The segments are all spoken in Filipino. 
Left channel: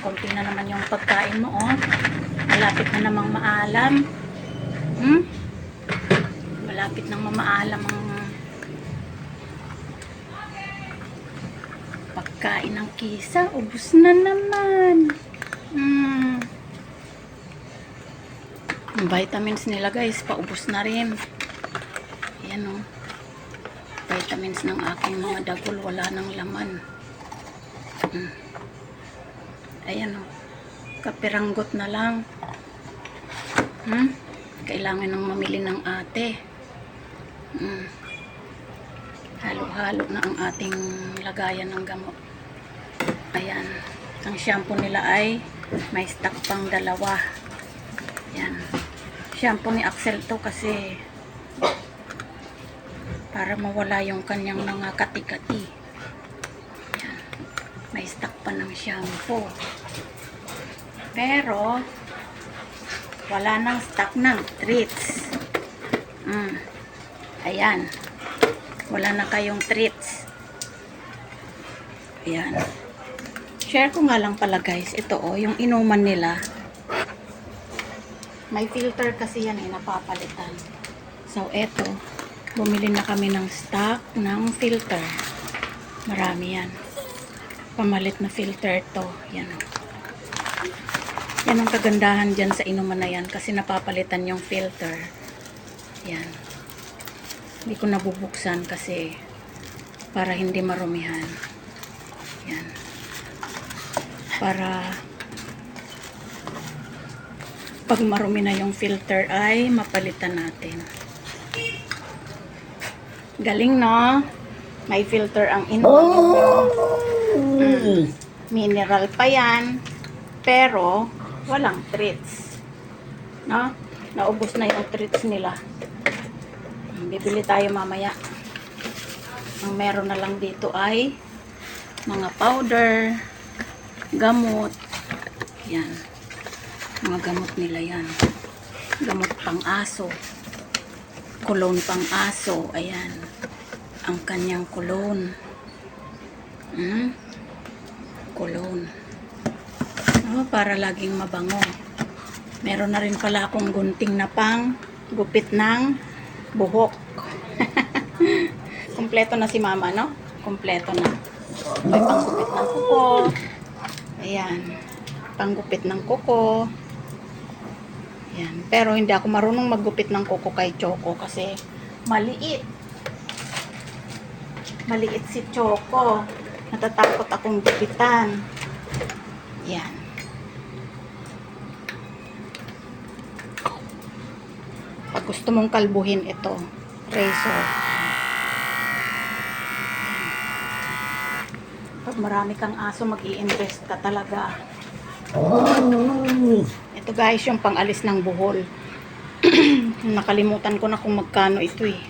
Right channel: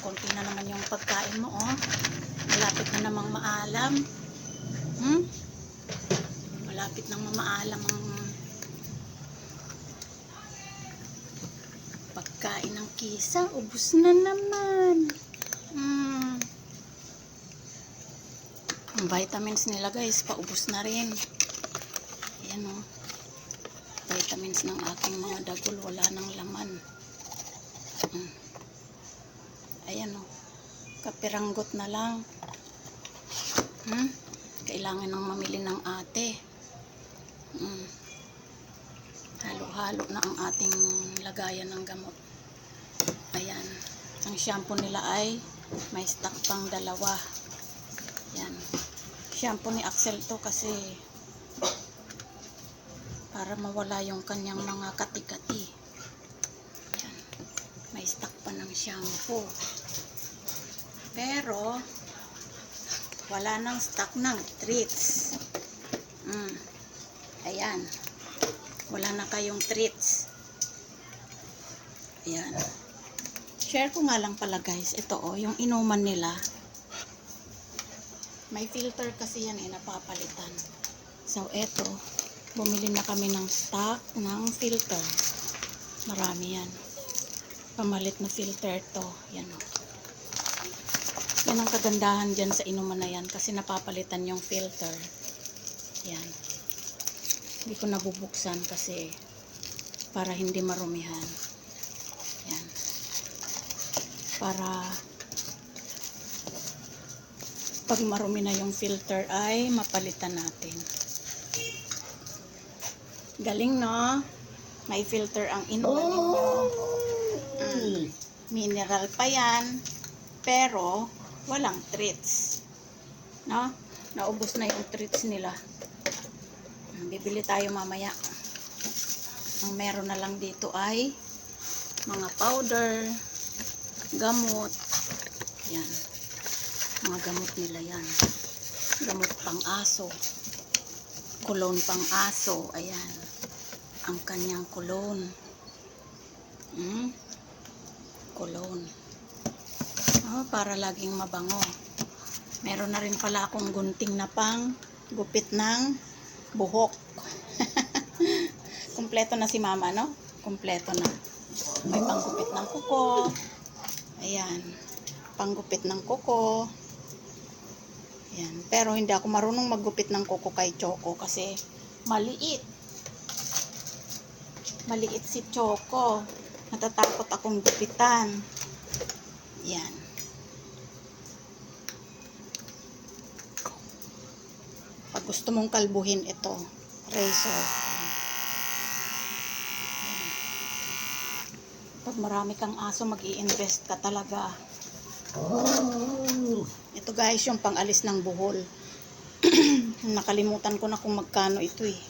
konti na naman yung pagkain mo, oh. Malapit na namang maalam. Hmm? Malapit nang mamaalam ang pagkain ng kisa. Ubus na naman. Hmm. Vitamins nila guys, paubos na rin. Ayan oh. Vitamins ng aking mga dagol, wala nang laman. Hmm. Ayan oh. Kapiranggot na lang. Hmm? Kailangan nang mamili ng ate. Hmm. Halo-halo na ang ating lagayan ng gamot. Ayan. Ang shampoo nila ay may stock pang dalawa. Yan. Shampoo ni Axel to kasi para mawala yung kanyang mga kati-kati. Stock pa ng shampoo. Pero wala nang stock ng treats. Mm. Ayan. Wala na kayong treats. Ayan. Share ko nga lang pala guys. Ito oh, yung inuman nila. May filter kasi yan eh, napapalitan. So, eto. Bumili na kami ng stock ng filter. Marami yan. Pamalit na filter to. Yan oh. Yan ang kagandahan dyan sa inuman na yan kasi napapalitan yung filter. Yan. Hindi ko nabubuksan kasi para hindi marumihan. Yan. Para pag marumi na yung filter ay mapalitan natin. Galing no? May filter ang inuman ninyo. Mm. Mineral pa yan. Pero, walang treats. No? Naubos na yung treats nila. Bibili tayo mamaya. Ang meron na lang dito ay mga powder, gamot. Yan. Mga gamot nila yan. Gamot pang aso. Kulon pang aso. Ayan. Ang kanyang kulon. Hmm? Kulon. Oh, para laging mabango. Meron na rin pala akong gunting na pang gupit ng buhok. Kompleto na si mama, no? Kompleto na. May panggupit ng kuko. Ayan. Panggupit ng kuko. Ayan. Pero hindi ako marunong maggupit ng kuko kay Choco kasi maliit. Maliit si Choco. Natatakot akong gupitan. Ayan. Pag gusto mong kalbuhin ito, razor. Pag marami kang aso, mag invest ka talaga. Ito guys, yung pangalis ng buhol. Nakalimutan ko na kung magkano ito eh.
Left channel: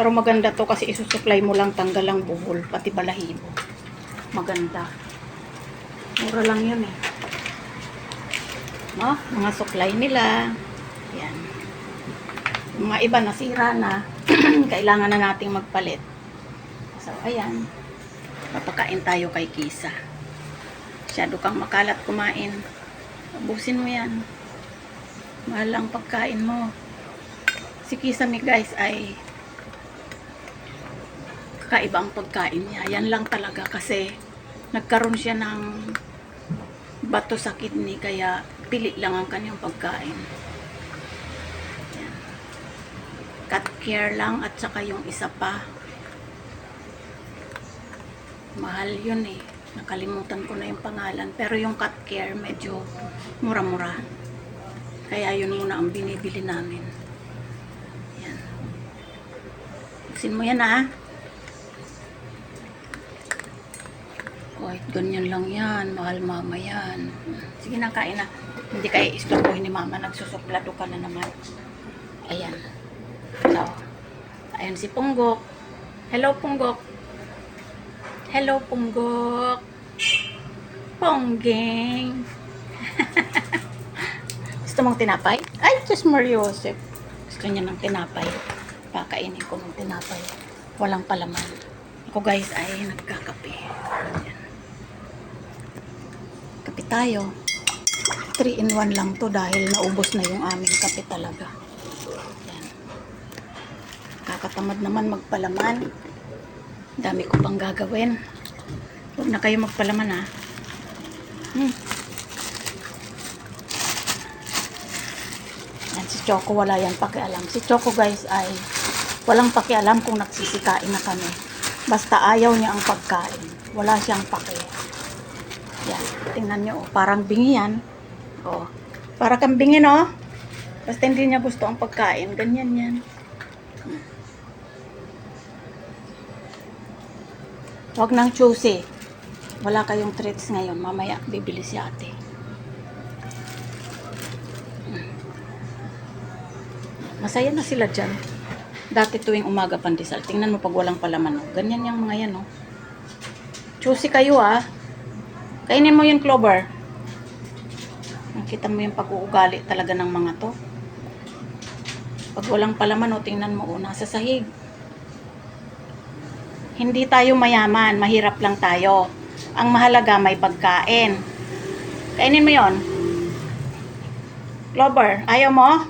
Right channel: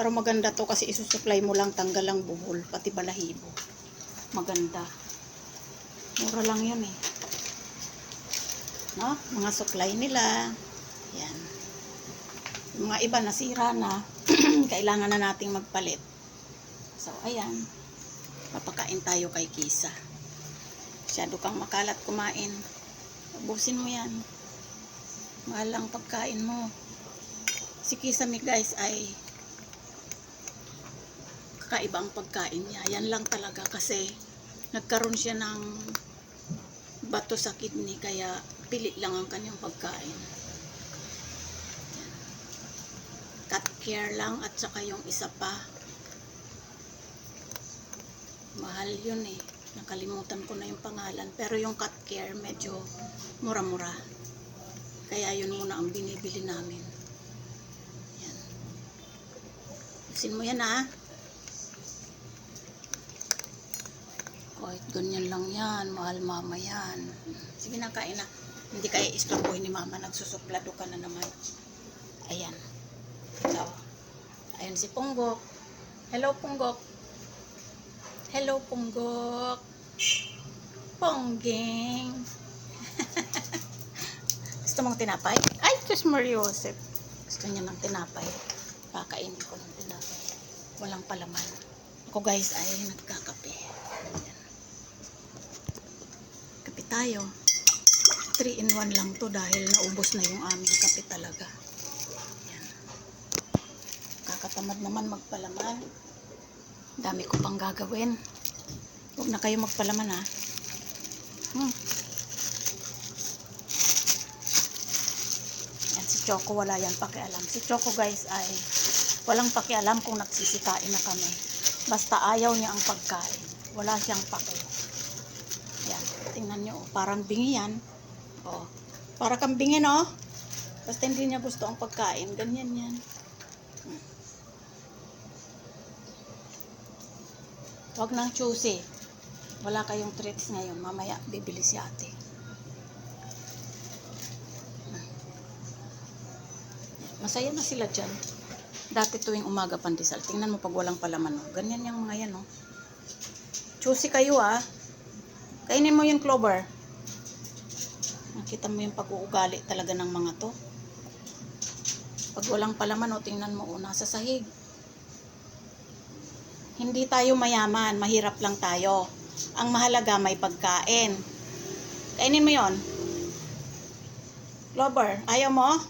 Yan. Pero maganda to kasi isusupply mo lang tanggal ang buhol, pati balahibo. Maganda. Mura lang yun eh. No? Mga supply nila. Yan. Mga iba nasira na. Kailangan na nating magpalit. So, ayan. Papakain tayo kay Kisa. Masyado kang makalat kumain. Ubusin mo yan. Mahal ang pagkain mo. Si Kisa mi guys ay kakaiba ang pagkain niya. Yan lang talaga kasi nagkaroon siya ng bato sa kidney kaya pili lang ang kanyang pagkain. Cut care lang at saka yung isa pa. Mahal yun eh. Nakalimutan ko na yung pangalan. Pero yung cut care medyo mura-mura. Kaya yun muna ang binibili namin. Yan. Buksin mo yan ah. Kahit ganyan lang yan, mahal mama yan. Sige na, kain na. Hindi kaya istorbohin ni mama, nagsusuplado ka na naman. Ayan. So, ayan si Punggok. Hello, Punggok. Hello, Punggok. Pongging. Gusto mong tinapay? Ay, Diyos Mario Joseph. Gusto niya ng tinapay. Pakainin ko ng tinapay. Walang palaman. Ako guys ay nagkakape. Tayo. 3 in 1 lang to dahil naubos na yung aming kape talaga. Yan. Kakatamad naman magpalaman. Dami ko pang gagawin. Huwag na kayo magpalaman ha. Hmm. Yan si Choco wala yan pakialam. Si Choco guys ay walang pakialam kung nagsisikain na kami. Basta ayaw niya ang pagkain. Wala siyang paki. Yan. Tingnan niyo. Oh, parang bingi yan. Oh. Para kang bingi no? Basta hindi niya gusto ang pagkain. Ganyan yan. Hmm. Huwag nang choosy. Wala kayong treats ngayon. Mamaya bibili si ate. Masaya na sila dyan. Dati tuwing umaga pandesal. Tingnan mo pag walang palaman. Oh. Ganyan yung mga yan. Oh. Choosy kayo ah. Kainin mo yung clover. Nakita mo yung pag-uugali talaga ng mga to. Pag walang palaman, o tingnan mo, o, nasa sahig. Hindi tayo mayaman, mahirap lang tayo. Ang mahalaga, may pagkain. Kainin mo yon. Clover, ayaw mo?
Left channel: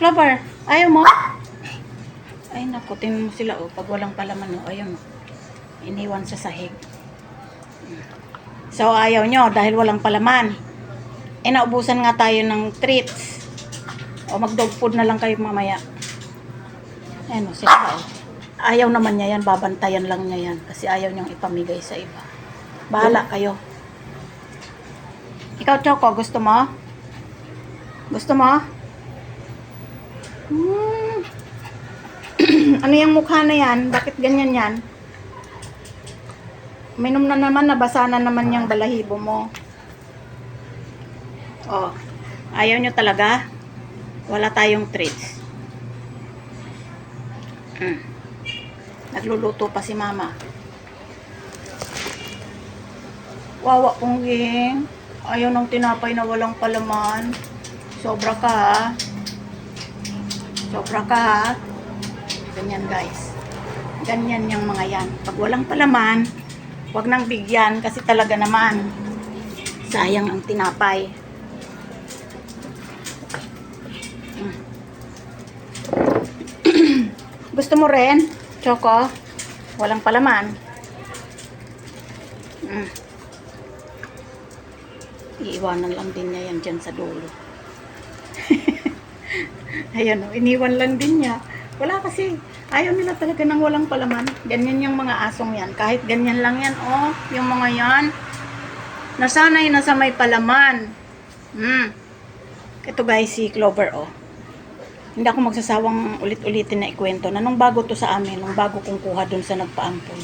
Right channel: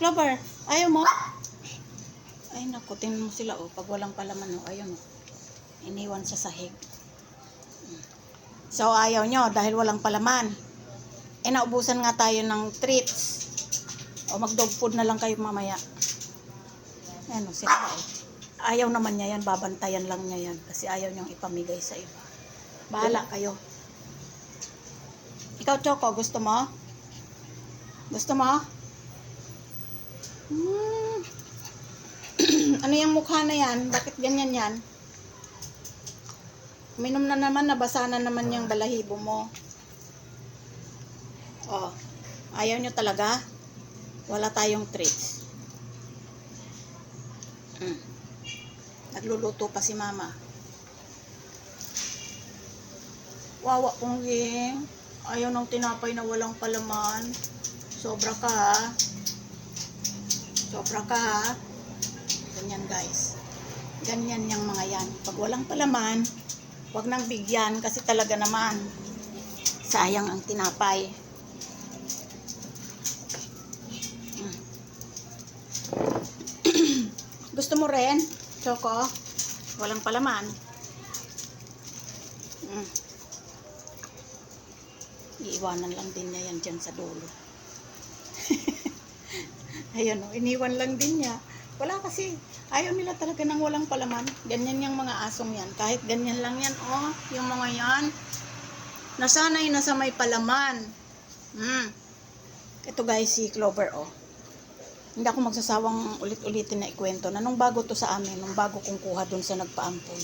Clover, ayaw mo? Ay, naku, tingnan mo sila, o, pag walang palaman, o, ayun, o. Iniwan sa sahig. So, ayaw nyo dahil walang palaman. Eh, naubusan nga tayo ng treats. O, mag-dog food na lang kayo mamaya. Ayan o, sila. Ayaw naman niya yan, babantayan lang niya yan. Kasi ayaw niyang ipamigay sa iba. Bahala kayo. Ikaw, Choco, gusto mo? Gusto mo? Hmm. ano yung mukha na yan? Bakit ganyan yan? Minom na naman, nabasa na naman yung balahibo mo. Oh, ayaw nyo talaga? Wala tayong treats. Mm. Nagluluto pa si mama. Wawa pong ging. Ayaw ng tinapay na walang palaman. Sobra ka ha. Sobra ka ha. Ganyan guys. Ganyan yung mga yan. Pag walang palaman, Huwag nang bigyan kasi talaga naman sayang ang tinapay. Gusto mo rin, Choco? Walang palaman. Mm. Iiwanan lang din niya yan dyan sa dulo. Ayan o, iniwan lang din niya. Wala kasi, ayaw nila talaga ng walang palaman. Ganyan yung mga asong yan. Kahit ganyan lang yan, oh, yung mga yan. Nasanay na sa may palaman. Hmm. Ito guys, si Clover, oh. Hindi ako magsasawang ulit-ulitin na ikwento na nung bago to sa amin, nung bago kong kuha dun sa nagpaampon.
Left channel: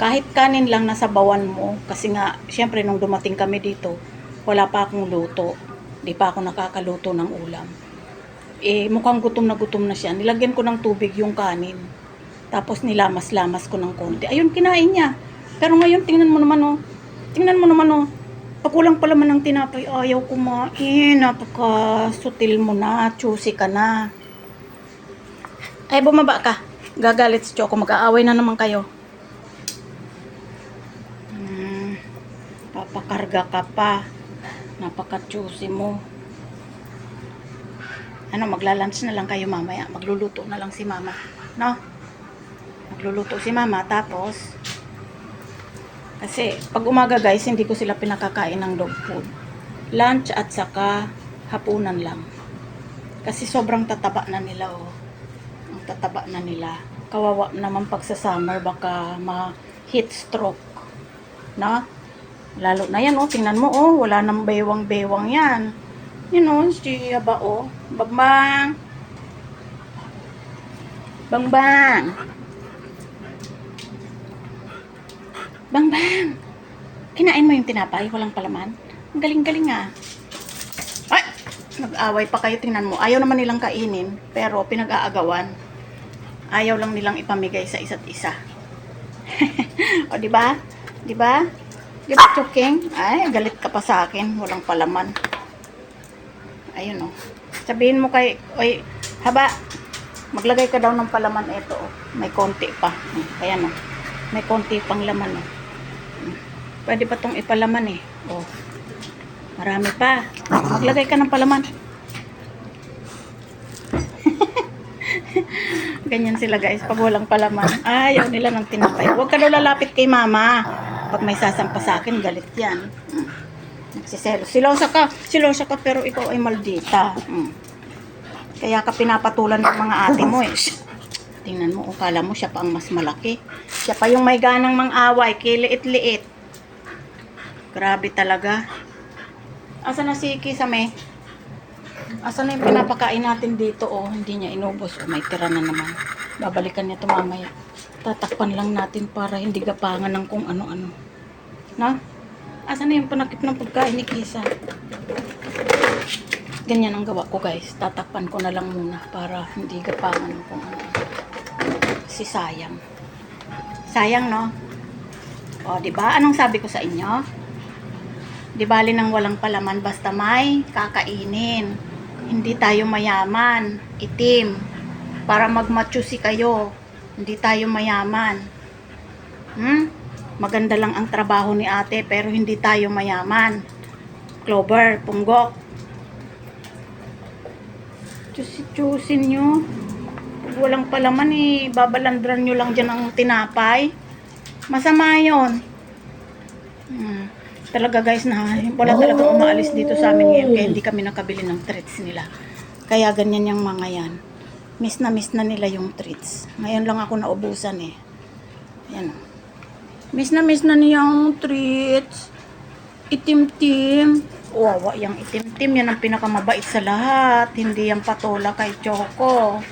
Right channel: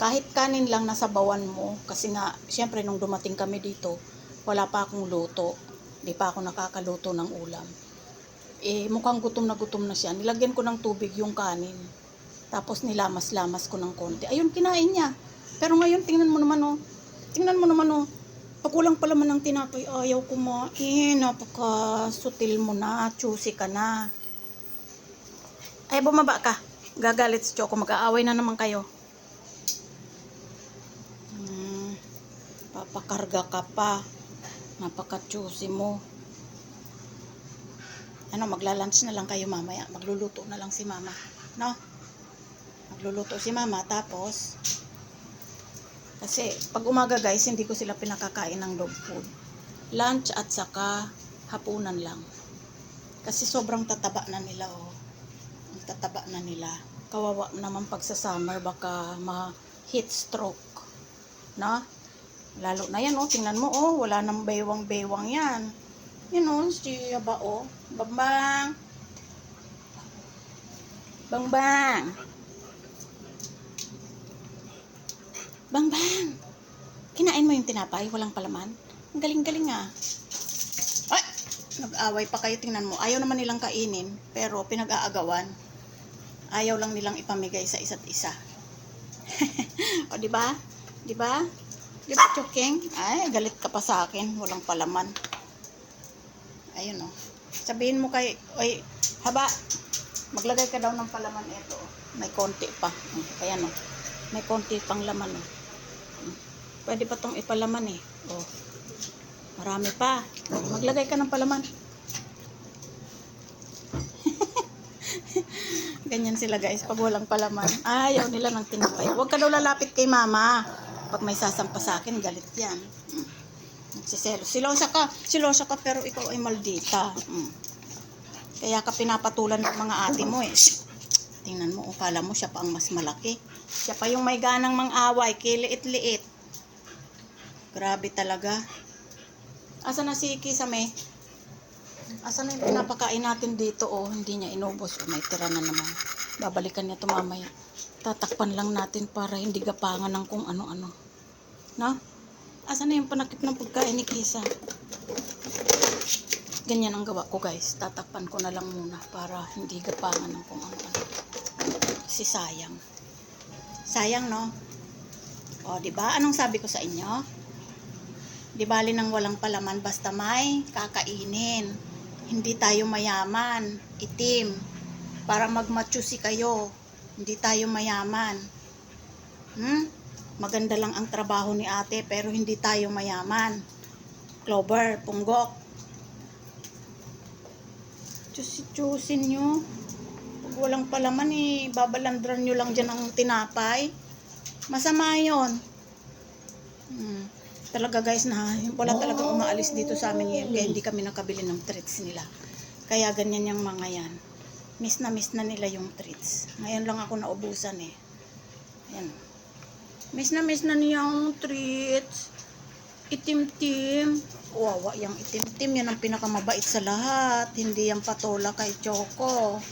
Kahit kanin lang nasa bawan mo, kasi nga, syempre nung dumating kami dito, wala pa akong luto. Di pa ako nakakaluto ng ulam eh mukhang gutom na gutom na siya. Nilagyan ko ng tubig yung kanin. Tapos nilamas-lamas ko ng konti. Ayun, kinain niya. Pero ngayon, tingnan mo naman oh. Tingnan mo naman oh. Pakulang pala man ng tinapay, ayaw kumain. Napaka-sutil mo na. Choosy ka na. Ay, bumaba ka. Gagalit si Choco. Mag-aaway na naman kayo. Hmm, papakarga ka pa. Napaka-choosy mo ano, magla-lunch na lang kayo mamaya. Magluluto na lang si mama. No? Magluluto si mama. Tapos, kasi pag umaga guys, hindi ko sila pinakakain ng dog food. Lunch at saka hapunan lang. Kasi sobrang tataba na nila, oh. Ang tataba na nila. Kawawa naman pag sa summer, baka ma-heat stroke. No? Lalo na yan, oh. Tingnan mo, oh. Wala nang bewang-bewang yan. You know, si Aba, oh. Bangbang. Bangbang. Bangbang. Kinain mo yung tinapay, walang palaman. Ang galing-galing ah. Ay! Nag-away pa kayo, tingnan mo. Ayaw naman nilang kainin, pero pinag-aagawan. Ayaw lang nilang ipamigay sa isa't isa. o, di ba? Di ba? Di ba, Chuking? Ay, galit ka pa sa akin. Walang palaman. Ayun oh. Sabihin mo kay, oy, haba, maglagay ka daw ng palaman ito oh. May konti pa. Hmm, Ayan oh. May konti pang laman oh. Hmm. Pwede pa tong ipalaman eh. Oh. Marami pa. Maglagay ka ng palaman. Ganyan sila guys, pag walang palaman. Ayaw nila ng tinapay. Huwag ka daw lalapit kay mama. Pag may sasampa sa akin, galit yan. Mm. Nagsiselo. Silosa ka, silosa ka pero ikaw ay maldita. Mm. Kaya ka pinapatulan ng mga ate mo eh. Tingnan mo, ukala mo siya pa ang mas malaki. Siya pa yung may ganang mang-away, kiliit-liit. Grabe talaga. Asa na si Kisame? Asa na yung pinapakain natin dito? Oh, hindi niya inubos. Oh, may tira na naman. Babalikan niya ito mamaya. Tatakpan lang natin para hindi gapangan ng kung ano-ano. Na? Asa na yung panakip ng pagkain ni Kisa? Ganyan ang gawa ko guys. Tatakpan ko na lang muna para hindi gapangan ng kung ano-ano. Si sayang. Sayang no? O, di ba? Anong sabi ko sa inyo? Di bali nang walang palaman basta may kakainin. Hindi tayo mayaman, itim. Para magmachusi kayo. Hindi tayo mayaman. Hmm? Maganda lang ang trabaho ni ate pero hindi tayo mayaman. Clover, punggok. Chusi-chusin nyo. Pag walang palaman eh, babalandran nyo lang dyan ang tinapay. Masama yon. Hmm. Talaga guys na wala talaga umaalis dito sa amin ngayon kaya hindi kami nakabili ng treats nila. Kaya ganyan yung mga yan. Miss na miss na nila yung treats. Ngayon lang ako naubusan eh. Yan. oh. Miss na miss na niya yung treats. Itim-tim. Wawa yung itim-tim. Yan ang pinakamabait sa lahat. Hindi yung patola kay Choco.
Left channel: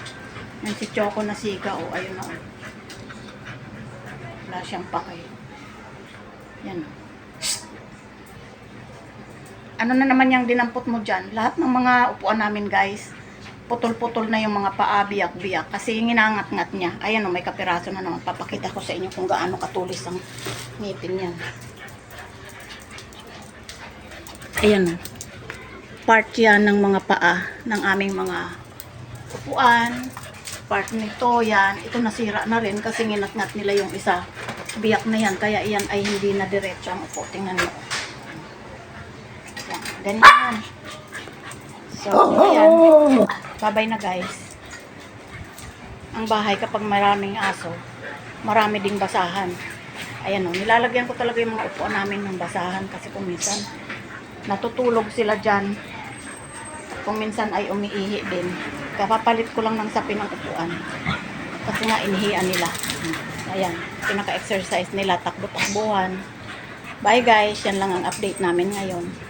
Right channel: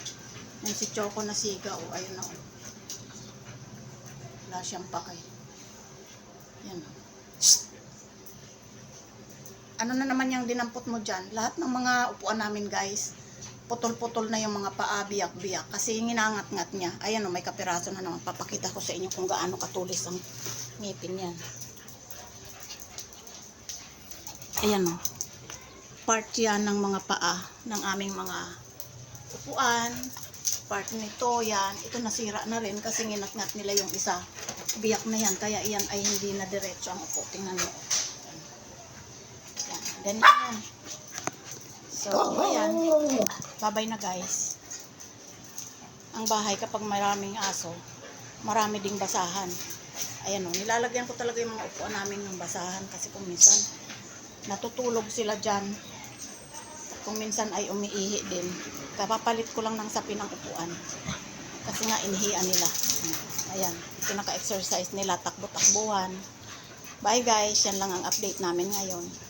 Yan si Choco na siga. O, ayun oh. Wala siyang pakay. Yan. oh. Ano na naman yung dinampot mo dyan? Lahat ng mga upuan namin guys, putol-putol na yung mga paa, biyak-biyak. Kasi ginangat-ngat niya. Ayan o, may kapiraso na naman. Papakita ko sa inyo kung gaano katulis ang ngipin yan. Ayan o. Part yan ng mga paa ng aming mga upuan. Part nito yan. Ito nasira na rin kasi nginat-ngat nila yung isa. Biyak na yan. Kaya yan ay hindi na diretso ang upo. Tingnan mo. Yan. Ganyan. So, ayan. Babay na guys. Ang bahay kapag maraming aso, marami ding basahan. Ayan o, nilalagyan ko talaga yung mga upuan namin ng basahan kasi kung minsan natutulog sila dyan. Kung minsan ay umiihi din. Kapapalit ko lang ng sapi ng upuan. Kasi nga inihian nila. Ayan, pinaka-exercise nila, takbo-takbuhan. Bye guys, yan lang ang update namin ngayon.